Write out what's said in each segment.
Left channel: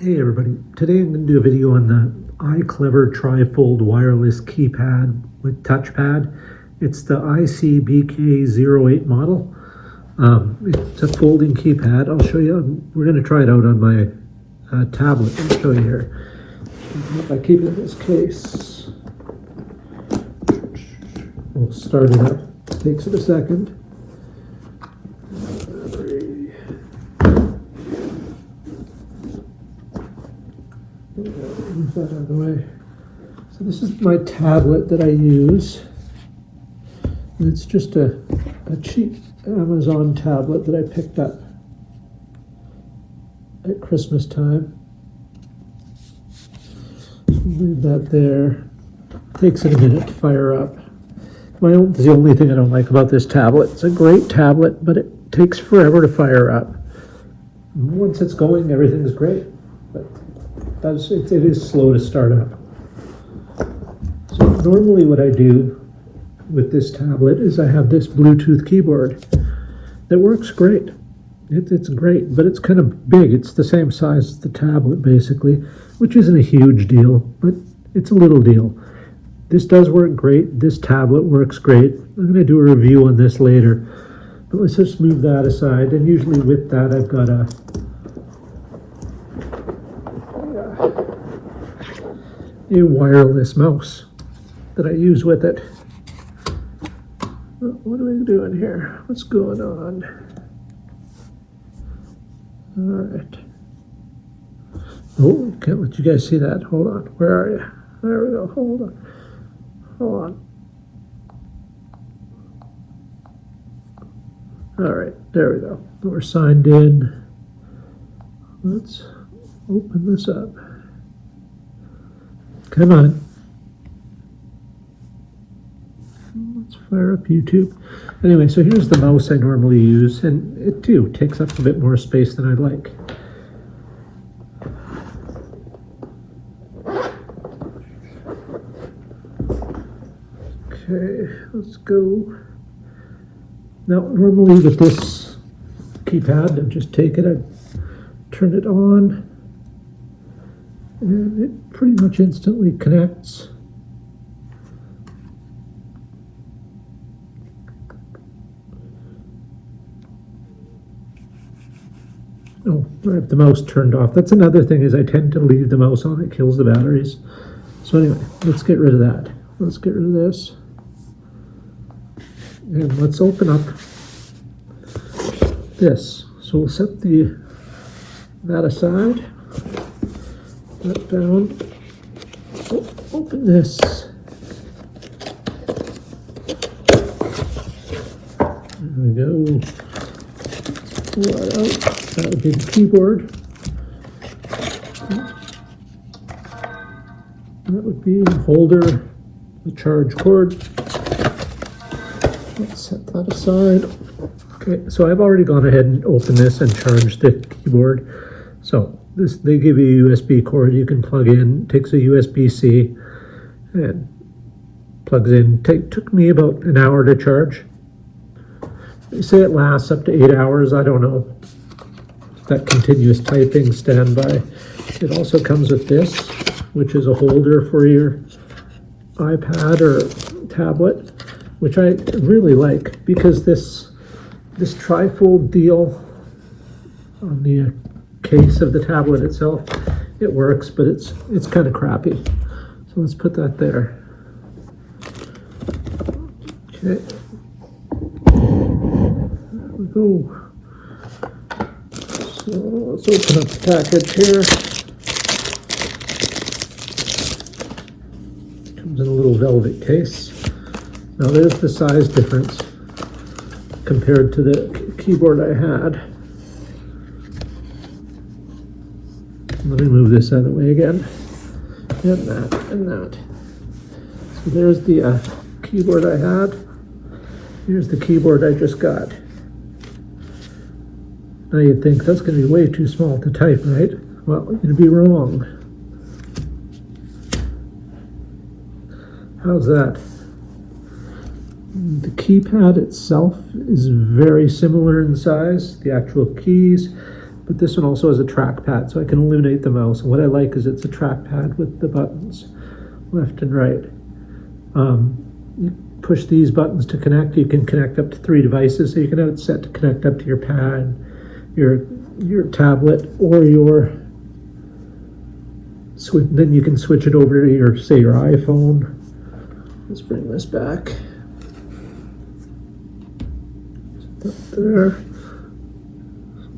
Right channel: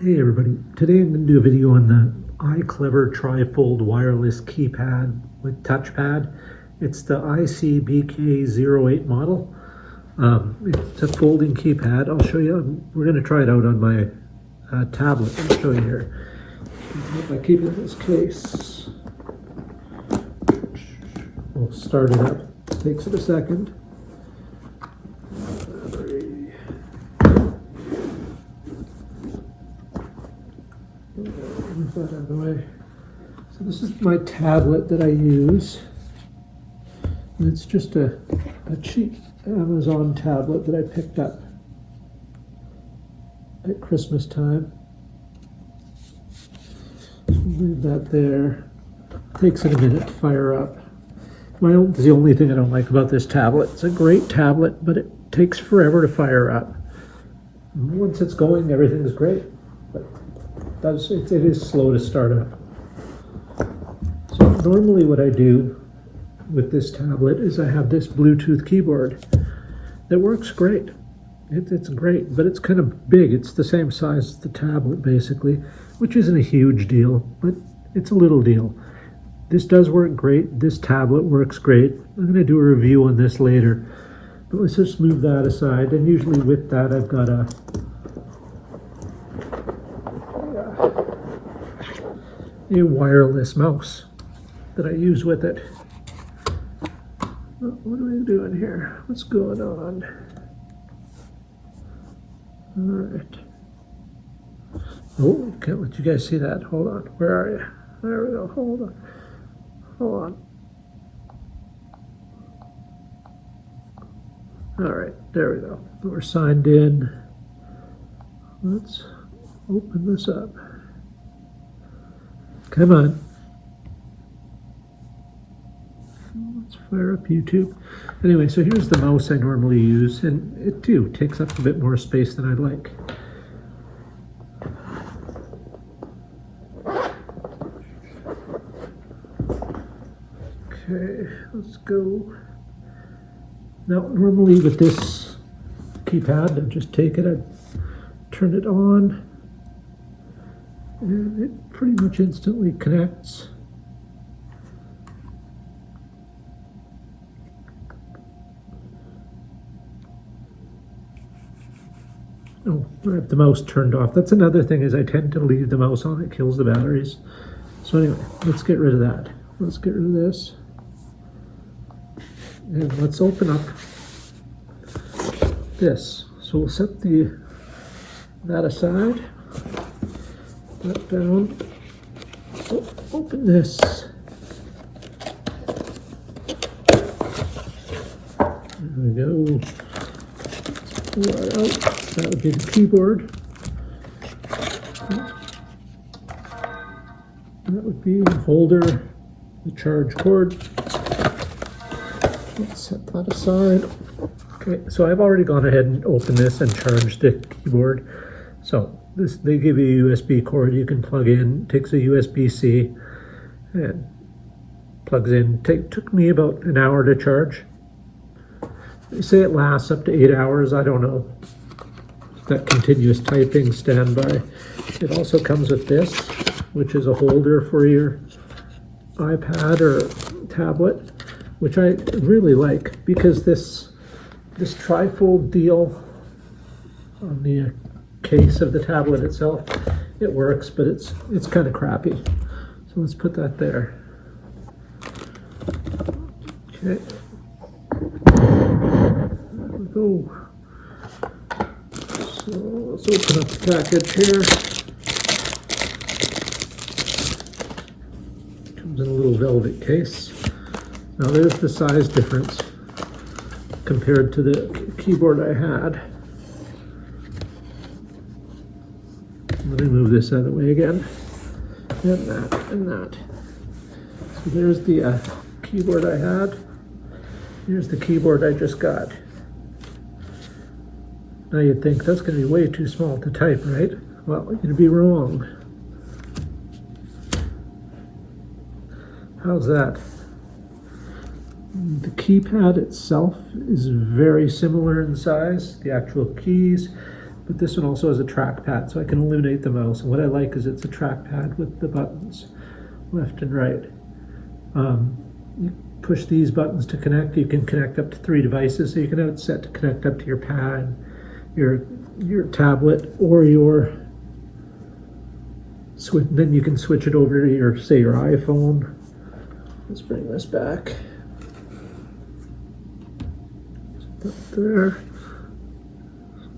Hey everybody, today I'm going to do a video on the iClever Tri-Fold wireless keypad with touchpad. It's the BK08 model. It's a folding keypad. I'll show you. We're going to try it out on my tablet. I'll show you here. By keeping this case, we'll start it up. Takes it a second. Move that out of the way. So this is my tablet that I use. And it's just a cheap Amazon tablet that I picked up at Christmas time. Leave that there. Takes it a minute to fire up. The only thing I don't like about this tablet. It's a great tablet, but it takes forever to fire up. And once it's going, everything's great. But it is slow to start up. So normally what I do with this tablet is I have this Bluetooth keyboard that works great. It's great, but it's kind of big. It's the same size as the tablet basically, which isn't a huge deal, but it's a little deal. This does work great. This tablet works great. I'm going to do a review on this later, but let's just move that aside. And usually with that I've got a wireless mouse that I use with it. What are we doing here? What's going on? All right. Oh, can't let you guys see that. Hold on. Where are you? There we go. Hold on. Hold on. All right. There we go. We're signed in. Let's open this up. Come on. Let's fire up YouTube. Anyway, so here's the mouse I normally use, and it too takes up a bit more space than I'd like. Okay, let's go. Now, normally with this keypad, I just take it, I turn it on, and it pretty much instantly connects. Oh, I have the mouse turned off. That's another thing, is I tend to leave the mouse on. It kills the batteries. So anyway, let's get rid of that. Let's get rid of this. And let's open up this. So we'll set that aside. That down. Open this. There we go. Pull that out. That would be the keyboard. That would be the holder, the charge cord. Let's set that aside. Okay, so I've already gone ahead and opened this and charged the keyboard. So they give you a USB cord you can plug in. It takes a USB-C and plugs in. Took me about an hour to charge. They say it lasts up to 8 hours. I don't know. That continuous typing standby. It also comes with this, which is a holder for your iPad or tablet, which I really like, because this tri-fold deal on the case of the tablet itself, it works, but it's kind of crappy. So let's put that there. Okay. There we go. So let's open up the package here. Comes in a little velvet case. Now there's the size difference compared to the keyboard I had. Let me move this out of the way again. And that. So there's the keyboard I had. Here's the keyboard I just got. Now you'd think that's going to be way too small to type, right? Well, you're going to be wrong. How's that? The keypad itself is very similar in size, the actual keys, but this one also has a trackpad, so I can eliminate the mouse. And what I like is it's a trackpad with the buttons left and right. You push these buttons to connect. You can connect up to 3 devices, so you can have it set to connect up to your pad, your tablet, or your switch. Then you can switch it over to your, say, your iPhone. Let's bring this back. Up there.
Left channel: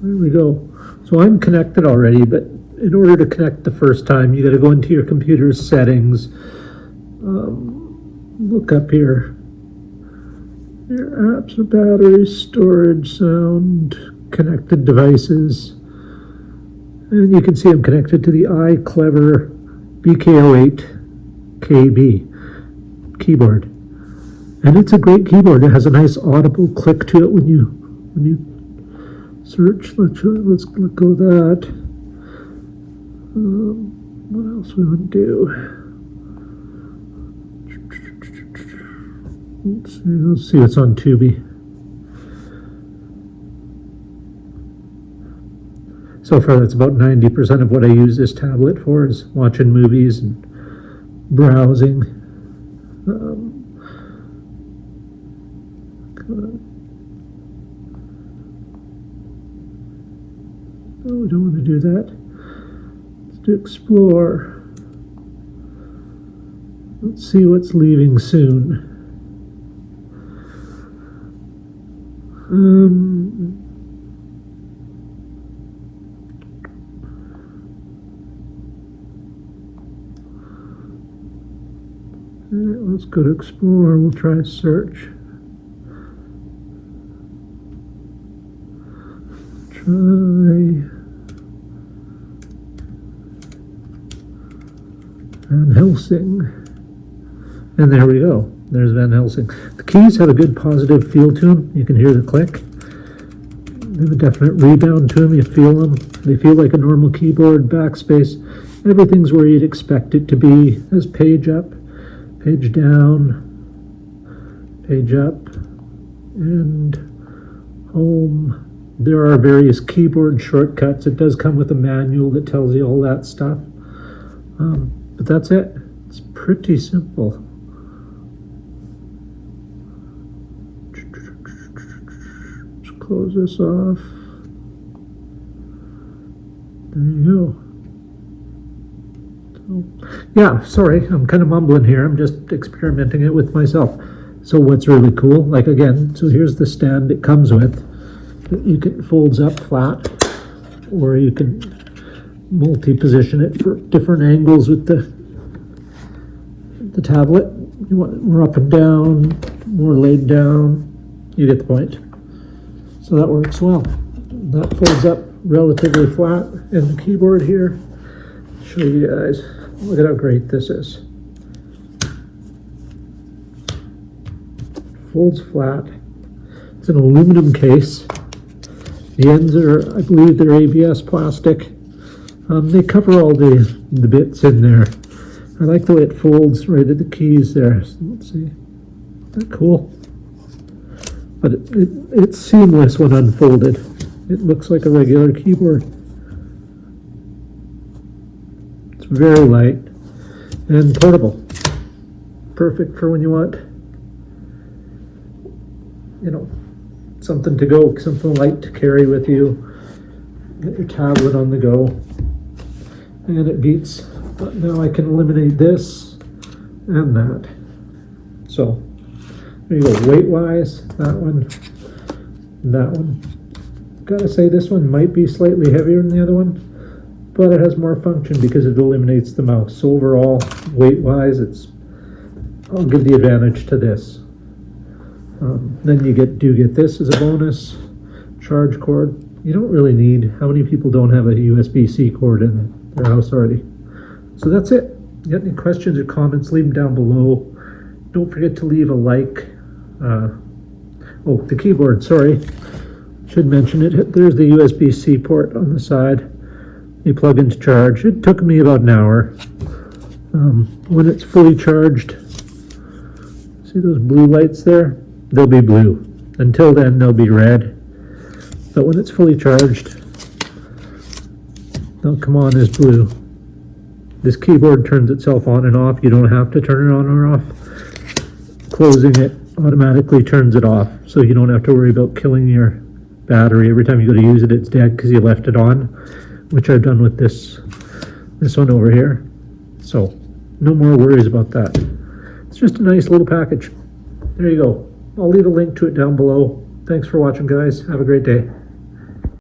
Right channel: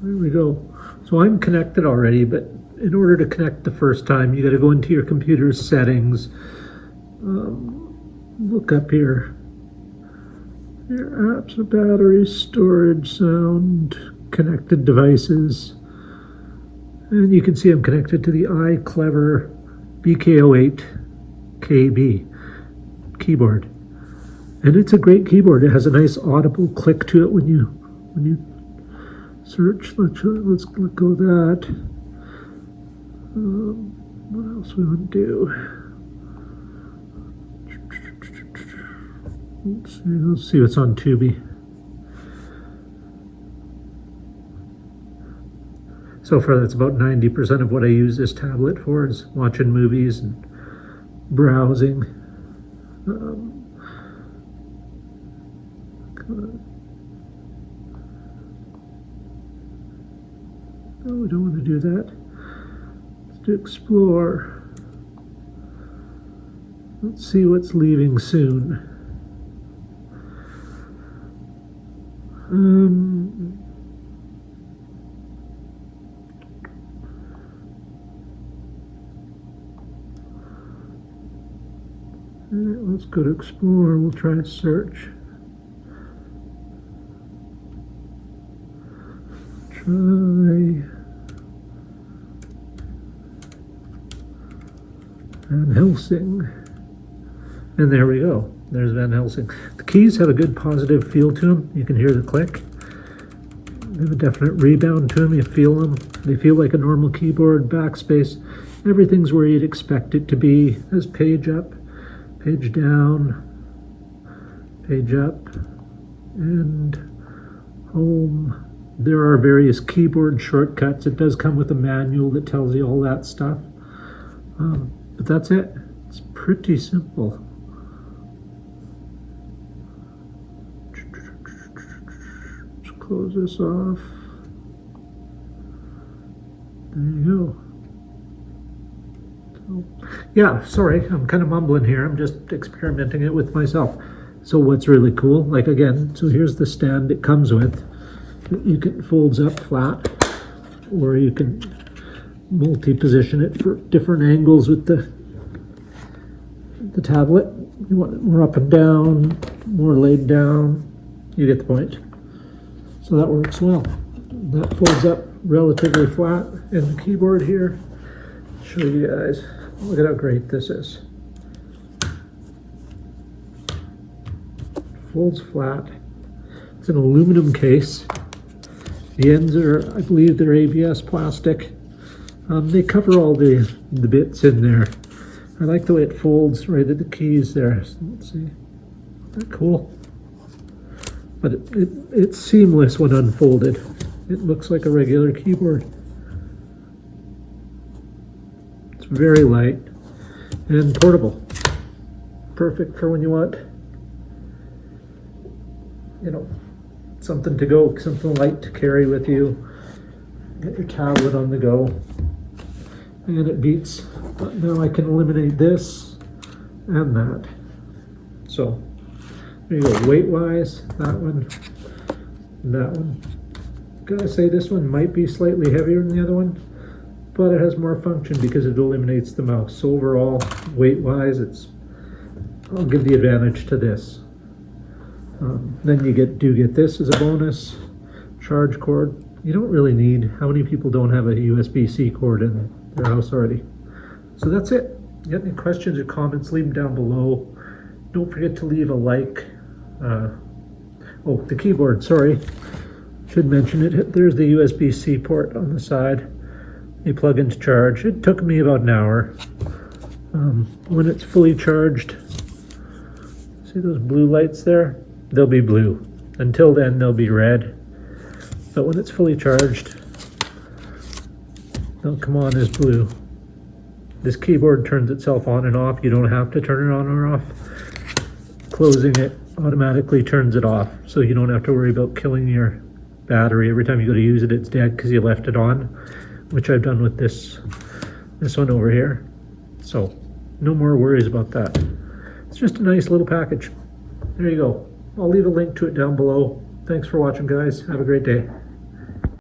There we go. So I'm connected already, but in order to connect the first time, you got to go into your computer's settings. Look up here. Your apps, battery, storage, sound, connected devices. And you can see I'm connected to the iClever BK08 KB keyboard. And it's a great keyboard. It has a nice audible click to it when you search. Let's let go of that. What else we want to do? Let's see what's on Tubi. So far, that's about 90% of what I use this tablet for, is watching movies and browsing. No, we don't want to do that. Let's do explore. Let's see what's leaving soon. Let's go to explore. We'll try search. Try Van Helsing. And there we go. There's Van Helsing. The keys have a good positive feel to them. You can hear the click. They have a definite rebound to them. You feel them. They feel like a normal keyboard. Backspace. Everything's where you'd expect it to be. There's page up, page down, page up, and home. There are various keyboard shortcuts. It does come with a manual that tells you all that stuff. But that's it. It's pretty simple. Let's close this off. There you go. So, yeah, sorry, I'm kind of mumbling here. I'm just experimenting it with myself. So what's really cool, like again, so here's the stand it comes with. You can folds up flat, or you can multi-position it for different angles with the tablet. You want it more up and down, more laid down. You get the point. So that works well. That folds up relatively flat, and the keyboard here, I'll show you guys. Look at how great this is. Folds flat. It's an aluminum case. The ends are, I believe, they're ABS plastic. They cover all the bits in there. I like the way it folds right at the keys there. So let's see. Isn't that cool? But it's seamless when unfolded. It looks like a regular keyboard. It's very light and portable. Perfect for when you want, you know, something to go, something light to carry with you. Get your tablet on the go. And it beats. But now I can eliminate this and that. So there you go. Weight-wise, that one, that one. Gotta say this one might be slightly heavier than the other one, but it has more function because it eliminates the mouse. So overall, weight-wise, I'll give the advantage to this. Then you do get this as a bonus. Charge cord. You don't really need. How many people don't have a USB-C cord in their house already? So that's it. You got any questions or comments, leave them down below. Don't forget to leave a like. Oh, the keyboard, sorry. Should mention it. There's the USB-C port on the side. You plug into charge. It took me about an hour. When it's fully charged, see those blue lights there? they'll be blue. Until then, they'll be red. But when it's fully charged, they'll come on as blue. This keyboard turns itself on and off. You don't have to turn it on or off. Closing it automatically turns it off, so you don't have to worry about killing your battery. Every time you go to use it, it's dead because you left it on, which I've done with this one over here. So no more worries about that. It's just a nice little package. There you go. I'll leave a link to it down below. Thanks for watching, guys. Have a great day.